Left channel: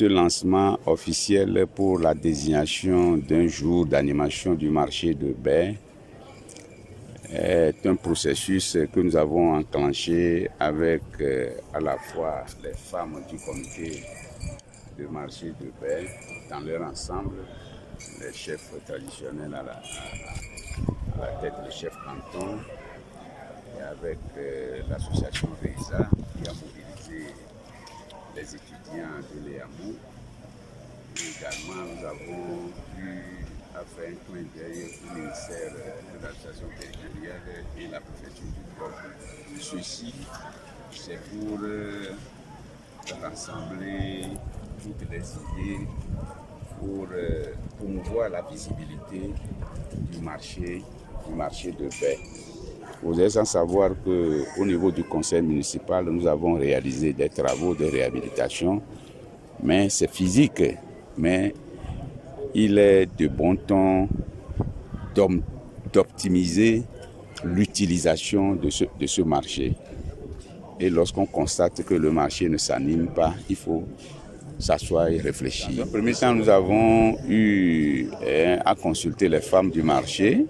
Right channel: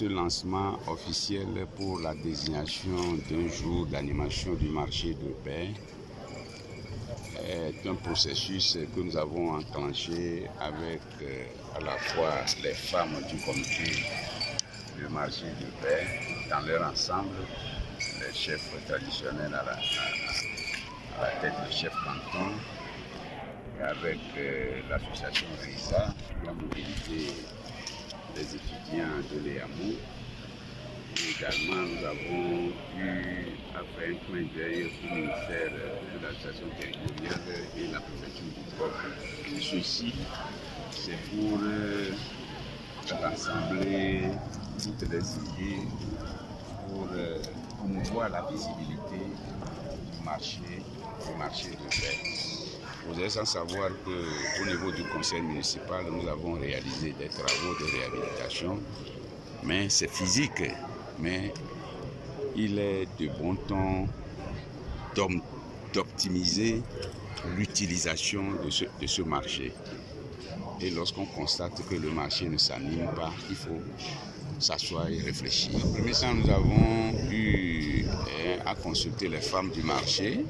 Ce lancement officiel pour la désignation d'un jour d'animation du marché de Baie est un processus que nous avons enclenché avec à la fois les femmes du comité de marché de Baie dans leur ensemble, les chefs traditionnels à la tête, le chef canton, et avec l'association REISA qui a mobilisé les étudiants de l'EAMO. Également, nous avons eu à faire un clin d'œil au ministère de l'administration territoriale et la préfecture du peuple. Ceci, c'est pour rassembler toutes les idées pour promouvoir la visibilité du marché de Baie. Vous êtes sans savoir qu'au niveau du conseil municipal, nous avons réalisé des travaux de réhabilitation, mais c'est physique. Mais il est de bon ton d'optimiser l'utilisation de ce marché. Et lorsqu'on constate que le marché ne s'anime pas, il faut s'asseoir et réfléchir. Dans un premier temps, nous avons eu à consulter les femmes du marché.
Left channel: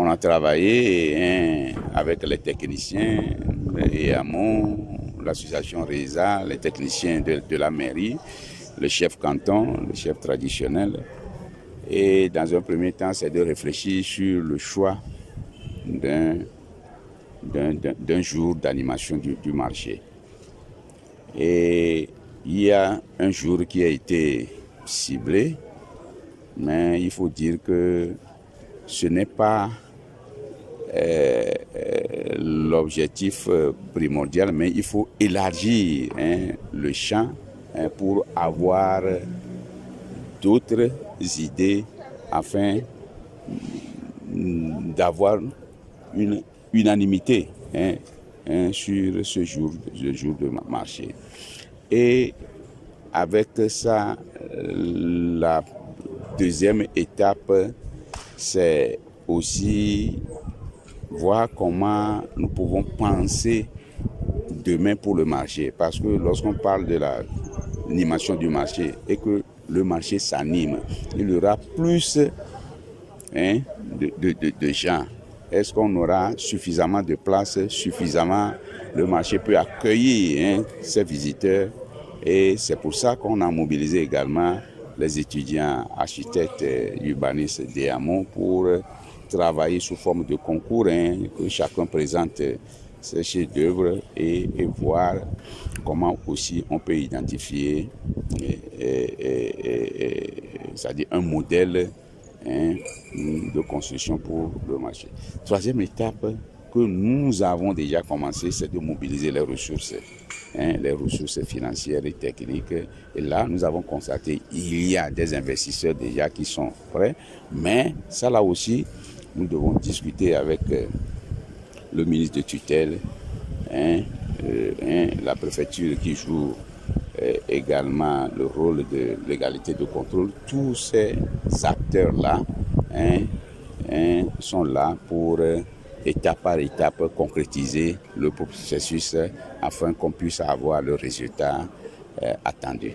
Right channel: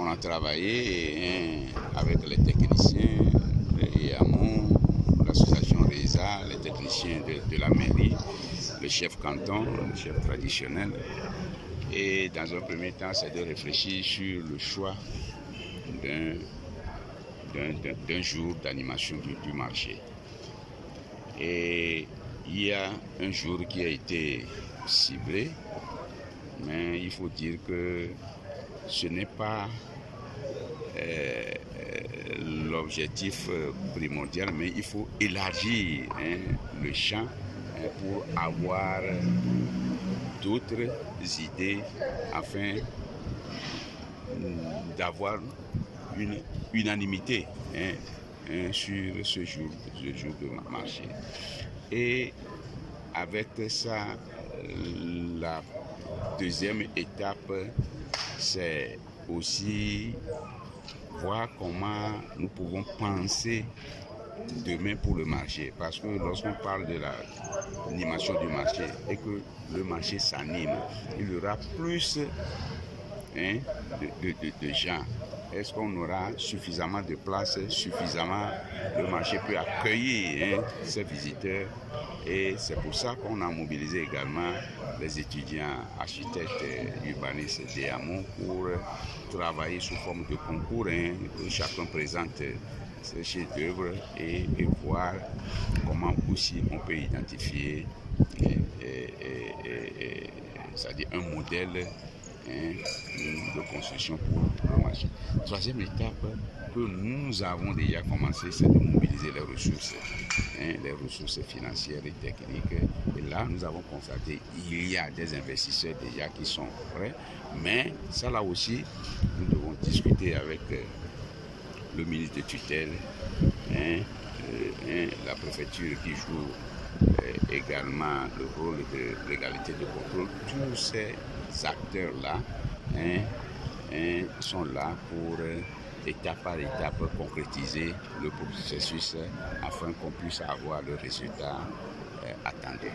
On a travaillé avec les techniciens, les AMO, l'association REISA, les techniciens de la mairie, le chef canton, le chef traditionnel. Et dans un premier temps, c'est de réfléchir sur le choix d'un jour d'animation du marché. Et il y a un jour qui a été ciblé, mais il faut dire que ce n'est pas l'objectif primordial, mais il faut élargir le champ pour avoir d'autres idées afin d'avoir une unanimité sur ce jour, le jour de marché. Et avec ça, la deuxième étape, c'est aussi voir comment nous pouvons penser demain pour le marché. Parce que lorsqu'on parle de l'animation du marché et que le marché s'anime, il y aura plus de gens. Est-ce qu'on aura suffisamment de places, le marché peut accueillir ces visiteurs? Et c'est pour ça qu'on a mobilisé également les étudiants architectes urbanistes d'EAMO pour travailler sous forme de concours, que chacun présente ses chefs-d'œuvre et voir comment aussi on peut identifier c'est-à-dire un modèle de construction pour le marché. Troisième étape que nous avons déjà commencé, c'est de mobiliser les ressources financières et techniques. Et là, nous avons constaté qu'il y a des investisseurs déjà qui sont prêts, mais ça là aussi, nous devons discuter avec le ministre de tutelle, la préfecture qui joue également le rôle de l'égalité de contrôle. Tous ces acteurs-là sont là pour étape par étape concrétiser le processus afin qu'on puisse avoir le résultat attendu.